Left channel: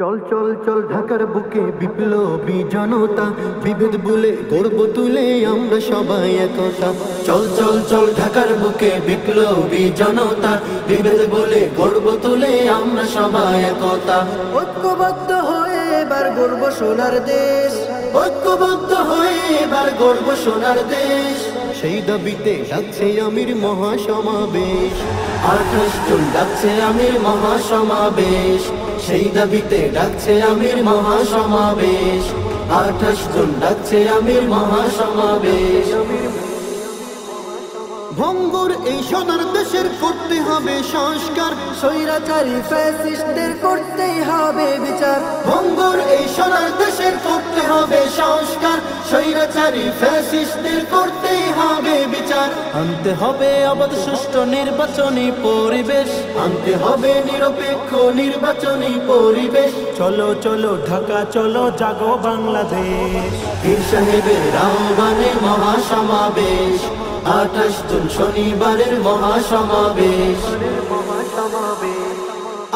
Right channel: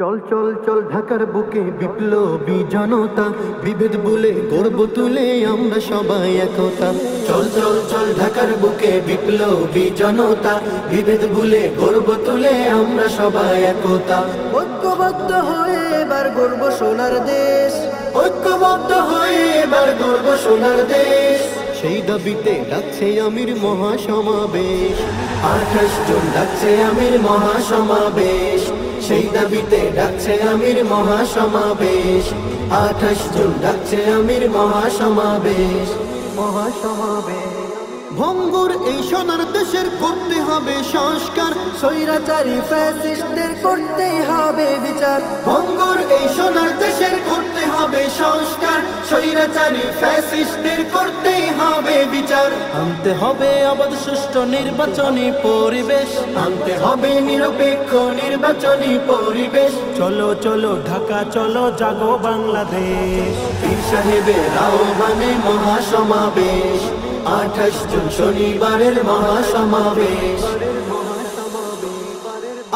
চল চল চল ঢাকার বুকে বিপ্লবী জনতা, বিভেদ ভুলে গর্ব তুলে আমরা সবাই একতা। চল চল চল ঢাকার বুকে বিপ্লবী জনতা, বিভেদ ভুলে গর্ব তুলে আমরা সবাই একতা। ঐক্যবদ্ধ হয়ে এবার গর্ব সোনার দেশ, ঐক্যবদ্ধ হয়ে এবার গর্ব সোনার দেশ। সেই দাবিতে ডাকছে আমির মহাসমাবেশ, 28 জুন ডাকছে আমির মহাসমাবেশ। সেই দাবিতে ডাকছে আমির মহাসমাবেশ, 28 জুন ডাকছে আমির মহাসমাবেশ। ভঙ্গুর এই সোনার দেশের করতে হবে সংস্কার, স্বৈরাচারী ফ্যাসিস্টদের করতেই হবে বিচার। ভঙ্গুর এই সোনার দেশের করতে হবে সংস্কার, স্বৈরাচারী ফ্যাসিস্টদের করতেই হবে বিচার। আনতে হবে অবাধ সুষ্ঠু নির্বাচনী পরিবেশ, আনতে হবে নিরপেক্ষ নির্বাচনী পরিবেশ। চলো চলো ঢাকা চলো জাগো বাংলাদেশ। পীর সাহেবের আহ্বানে মহাসমাবেশ, 28 জুন শনিবারের মহাসমাবেশ।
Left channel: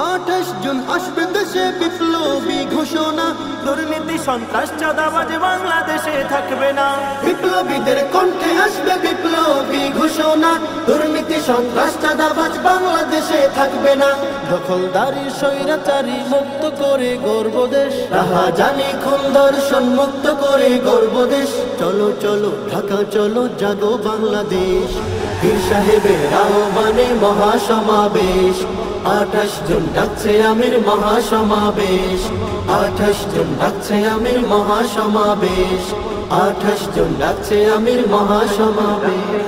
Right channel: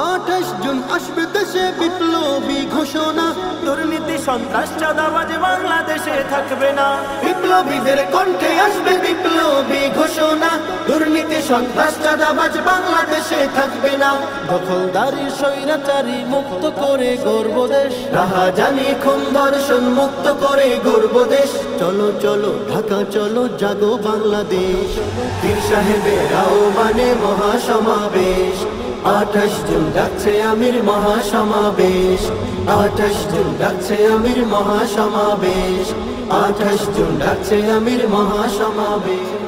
28 জুন আসবে দেশে বিপ্লবী ঘোষণা, দুর্নীতি সন্ত্রাস চাঁদাবাজ বাংলাদেশে থাকবে না। বিপ্লবীদের কণ্ঠে আসবে বিপ্লবী ঘোষণা, দুর্নীতি সন্ত্রাস চাঁদাবাজ বাংলাদেশে থাকবে না। দখলদারি স্বৈরাচারী মুক্ত করে গর্ব দেশ, রাহাজানি খুন ধর্ষণ মুক্ত করে গর্ব দেশ। চলো চলো ঢাকা চলো জাগো বাংলাদেশ, পীর সাহেবের আহ্বানে মহাসমাবেশ। 28 জুন ডাকছে আমির মহাসমাবেশ, 28 জুন ডাকছে আমির মহাসমাবেশ। 28 জুন ডাকছে আমির মহাসমাবেশ।